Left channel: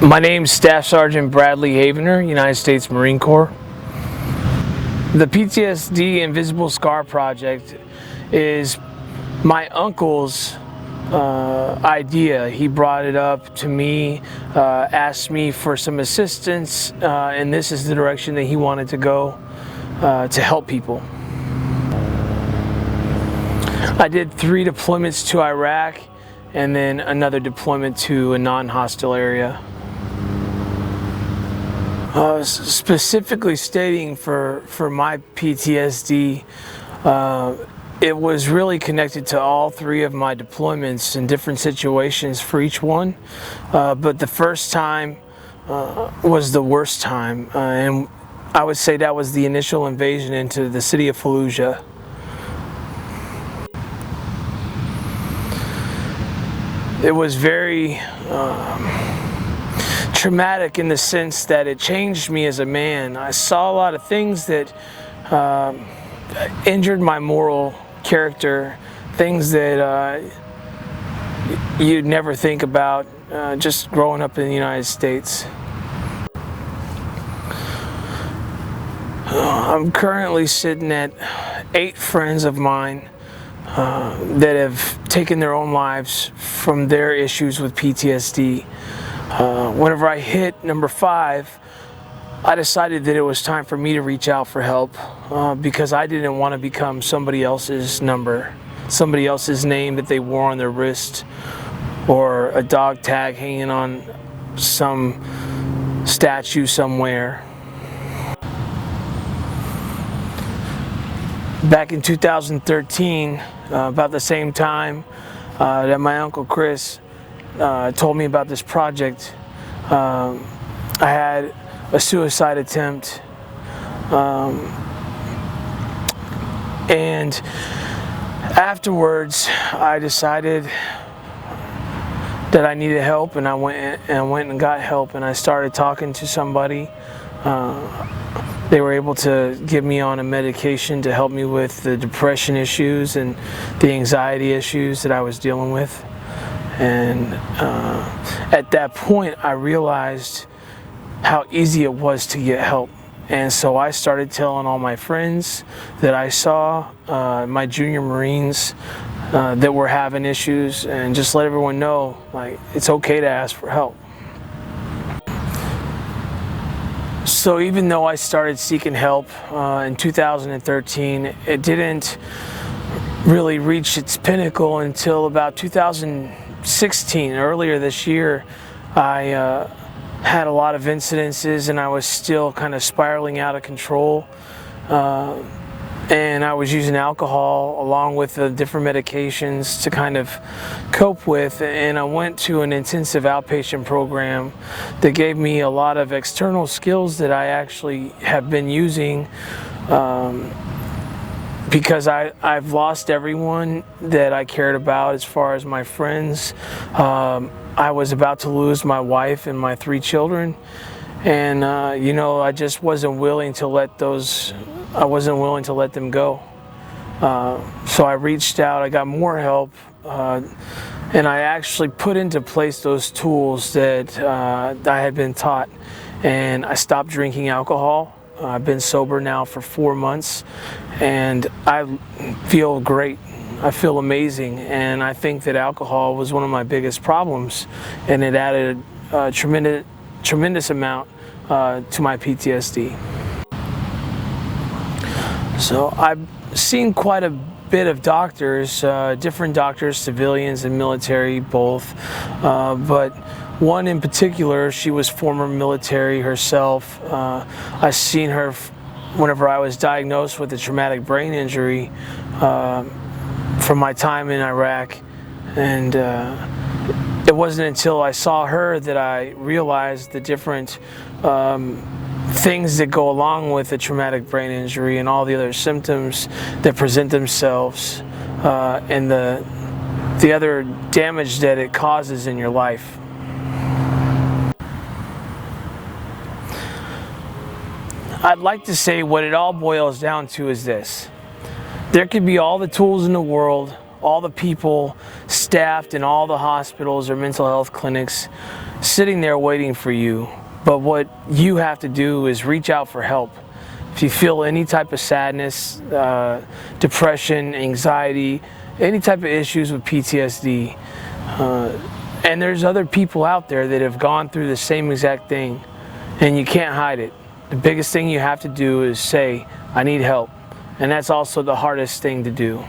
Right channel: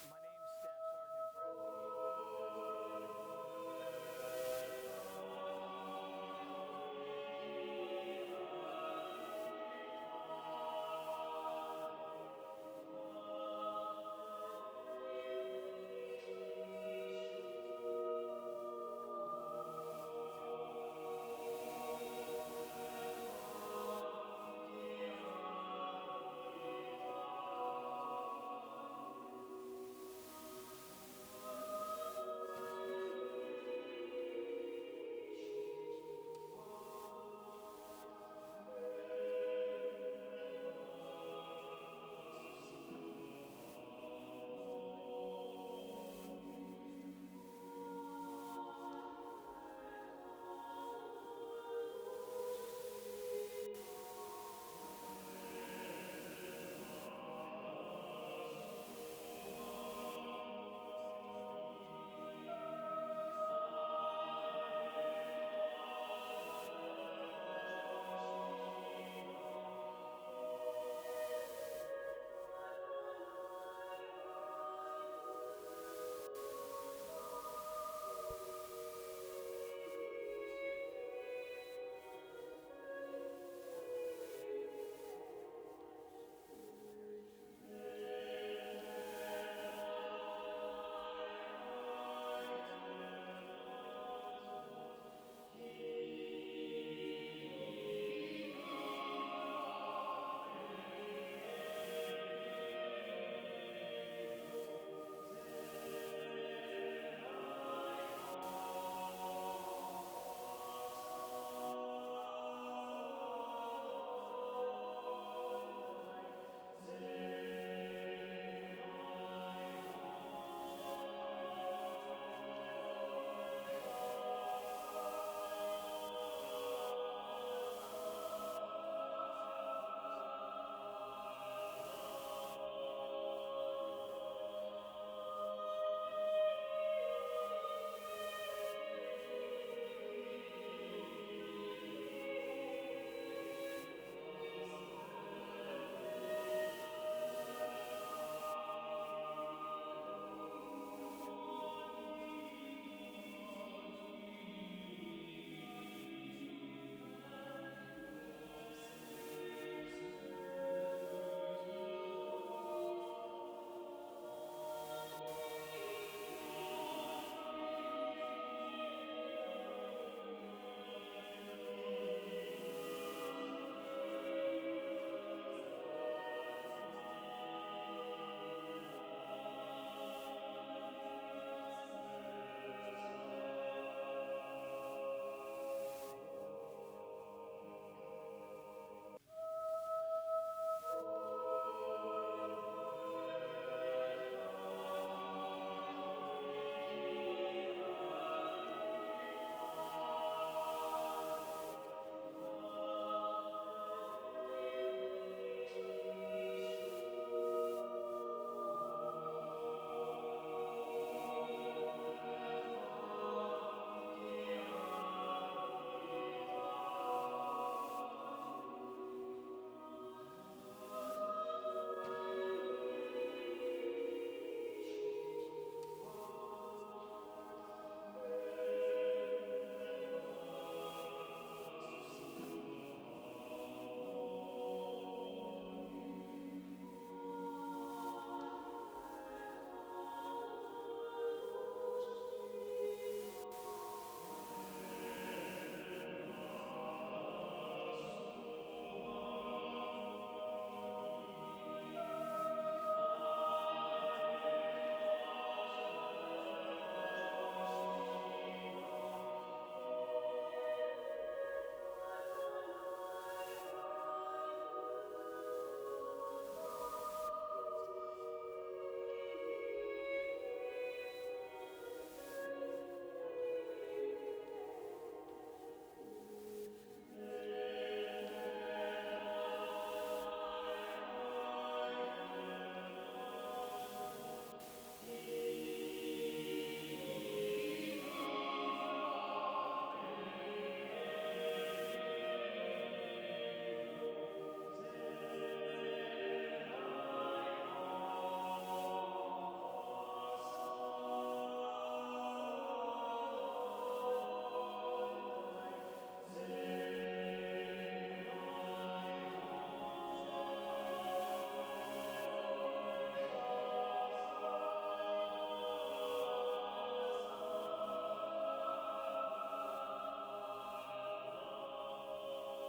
My name's Staff Sergeant Bradley Havener, United States Marine Corps. The PTSD Invisible Scar Project is my uncle's idea. He brought it up to me, asked me for some assistance, and this is the direction that he wanted to go to help people. I did 3 deployments to Iraq and then another deployment to a non-hostile area. Specifically stating for my PTSD, it was really connected to all 3 of my deployments in different situations for each one, but the first time was the worst time, and I would say that was the initial invasion into the city of Fallujah. It was very traumatic in the sense that it changed me as a man. I saw a lot of things that injured my moral character, things that you'd never think about just growing up in the United States. I'm currently sitting at 8 friends of mine that have taken their own lives from their issues with PTSD. Whenever I hit number 5, I decided that it was time for me to reach out for help because I didn't want to become somebody else's number, somebody else's name that they wore on their wrist, or a dog tag hanging on some statue somewhere. Back in 2013, about the same time that my Uncle Chris told me about this project, I had a suicide attempt, and afterwards I decided that I needed help, and I went and got help, and I started talking to somebody. They were able to get me on a medication to help me with the depression issues and the anxiety issues that I was dealing with. And at that point, I realized how easy it was to get help. And so I started telling all my friends that I saw, my junior Marines that were having issues, and just let everyone know, like, it's okay to ask for help. So even though I started seeking help in 2013, it didn't really reach its pinnacle until about 2016. Earlier this year, I had a lot of incidences, and I was still kind of spiraling out of control. And I was using alcohol along with the different medications to kind of cope with, and I went to an intensive outpatient program that gave me a lot of external skills that I actually have been using because I've lost everyone that I cared about as far as my friends. I was about to lose my wife and my 3 children, and you know, I just wasn't willing to let them go. So I reached out, I got more help, and I actually put into place those tools that I had been taught, and I stopped drinking alcohol. I've been sober now for 4 months, and I feel great. I feel amazing, and I think that alcohol was one of my biggest problems, and it added a tremendous amount to my PTSD. So I've seen quite a bit of doctors, different doctors, civilians and military both, but one in particular, she was former military herself. I seen her whenever I was diagnosed with a traumatic brain injury from my time in Iraq, and it wasn't until I saw her that I realized the different things that go along with a traumatic brain injury and all the other symptoms that present themselves and the other damage that it causes in your life. I'd like to say what it all boils down to is this: there could be all the tools in the world, all the people staffed in all the hospitals or mental health clinics, sitting there waiting for you. But what you have to do is reach out for help. If you feel any type of sadness, depression, anxiety, any type of issues with PTSD, and there's other people out there that have gone through the same exact thing, and you can't hide it. The biggest thing you have to do is say, I need help. And that's also the hardest thing to do.